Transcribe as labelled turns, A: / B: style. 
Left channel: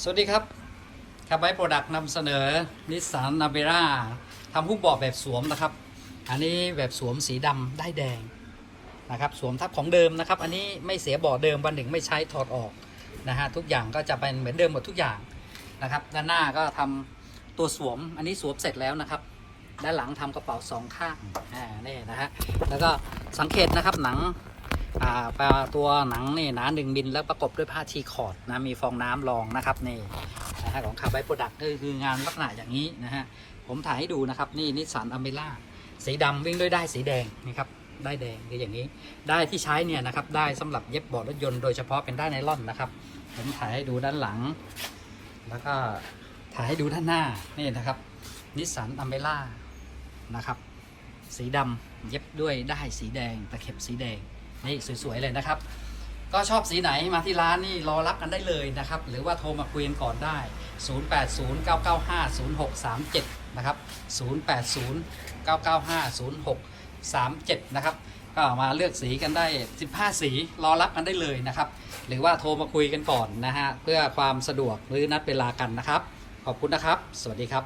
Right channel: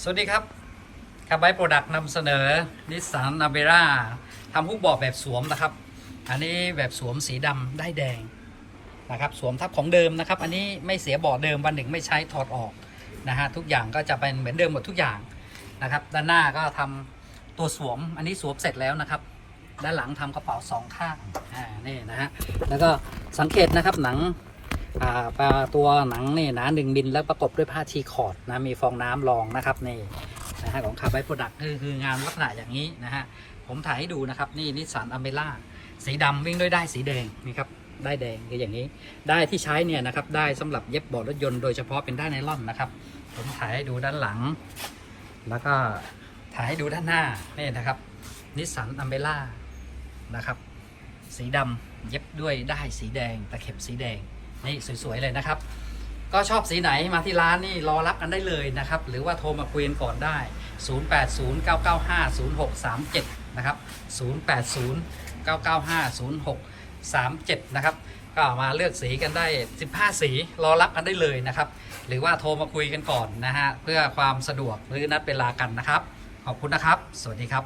A: สวัสดีครับคาร์ไบโปรดักต์นำเสนอนิสสันนาเบร่าทำผู้บอกแบบสวมนะครับ อันนี้แบบสวมสีดำได้แดงนะครับ สวมทับของเดิมนะครับ อันนี้ไม่เสียบาะเดิมวันหนึ่งไม่ใช้ถอดออกนะฮะทุกอย่างก็จะเป็นเหมือนเดิมหมดทุกอย่างนะครับ ด้านหน้าก็ทำตัวสวม อันนี้สวมเสร็จแล้วนะครับ ด้านหลังทำกระเป๋าสองข้างอ่านี่นะฮะแล้วก็สังเกตนะครับหนัง ตัวหนังนี่หนาหนึ่งมิลแล้วประกบด้วยผ้าทีคอร์ดนะมีฟองน้ำรองนะครับนี่นะฮะของคาร์ไบโปรดักต์คือคืองานลักษณะอย่างนี้นะฮะผมถ่ายให้ดูนะครับนี่นิสสันอเมล่าสีดำวิ่งด้วยได้สีแดงนี่ครับได้แดงคืออย่างนี้ ได้ที่ใช้เนี่ยนะครับได้สำหรับเย็บเบาะรถยนต์โดยเฉพาะเป็นได้ายไนล่อนนะครับ ผมถ่ายให้ดูด้านหลัง แล้วก็ถ่ายให้ดูด้านหน้านี่นะครับนิสสันอเมล่านะครับสีดำเย็บด้วยได้สีแดงตะเข็บสีแดง นี่สวยๆเลยนะครับ ก็ชอบสีไหนมาที่ร้านนี่รอรับกันได้เลยนะครับ หรือว่าโทรมาคุยกันก่อนได้ 0809950637 นะครับ 0809950637 นะครับก็มาเลือกสีกันได้ 15 สี รอรับกันได้เลยนะครับ หรือว่าโทรมาคุยกันก่อนนะฮะ เพื่อความสะดวกหรือนัดเวลากันนะครับ ขอบคุณนะครับ สวัสดีครับ